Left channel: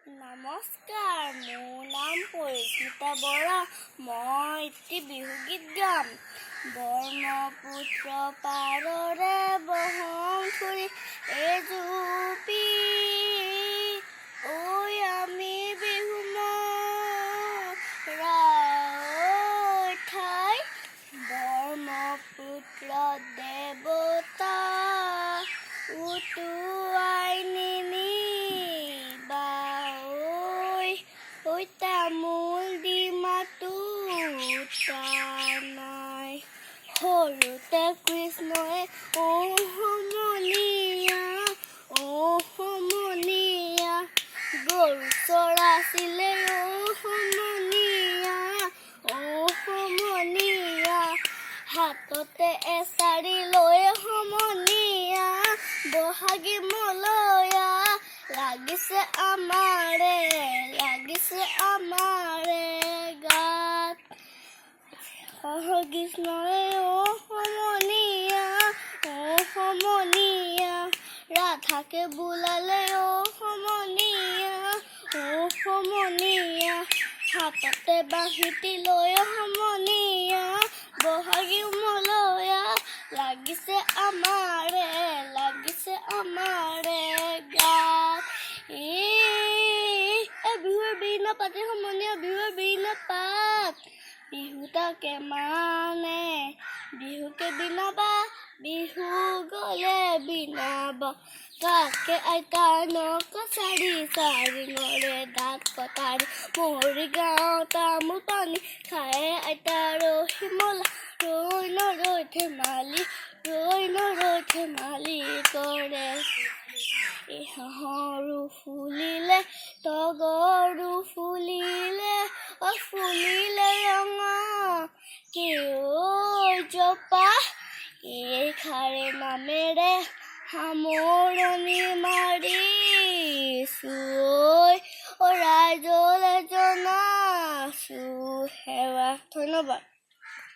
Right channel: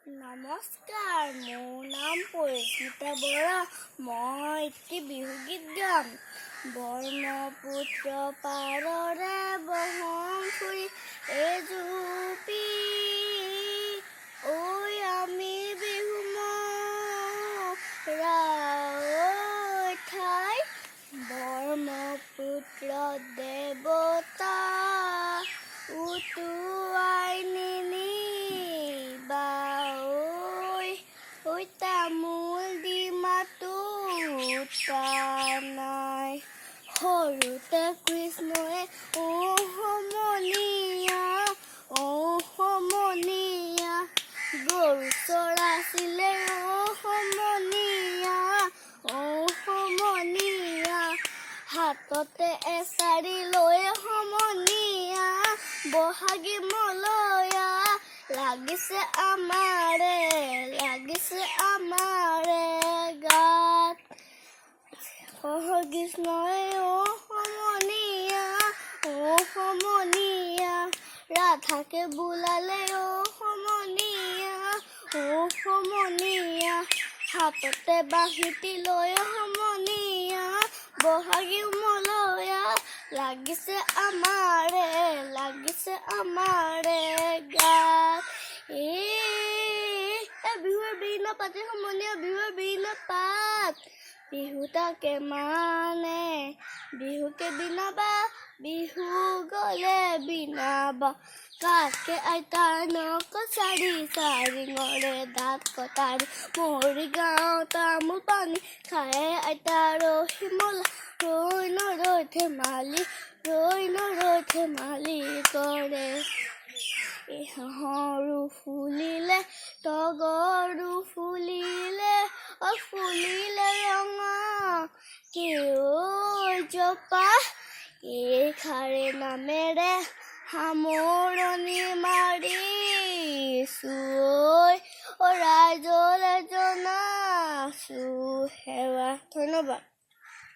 নমস্কাৰ, মোৰ নাম পৰিস্মিতা বৰা। মই এটি বিহুগীত গাম। ব্ৰহ্মপুত্ৰ পাৰৰে বহন ফুৰি এজুপি ঐ আমি বিহু মৰা ঠাই ব্ৰহ্মপুত্ৰ দেৱতা উটুৱাই তামোল দি মাতো নাই সৰুতে কৃষ্ণই সমনীয়া গৰু চৰাইছিলে সমনীয়া হাততে এচাৰি লৈ সমনীয়া বহাগী মলয়া লাগিছে আমাৰে গাত কৃষ্ণই সমনীয়া ৰাধাকে বোলালে সমনীয়া হাততে বাঁহীটি লৈ সমনীয়া বহাগী মলয়া লাগিছে আমাৰে গাত বিহুৰ বিহু পাতে সমনীয়া বিহুৰ বিহু পাত বিহুটাকে মানে বিহুকে বিনাবা বিহু গলে বিনাবা কাকে আইতাৰ নক চাৰি চাৰিঙৰে দাঁত কটাৰি মৰি গাঁও তামোল পানী খায়ে আইতাৰ শিমলা ৰৈ নৰৈ ধেমালি কৰে হাঁহৰো ফুলিলে তগৰো ফুলিলে ৰঙা জপা খাৰে নামেৰে সামৰণি মাৰিছো ৰাইজলে জনাছো সেৱা। ধন্যবাদ।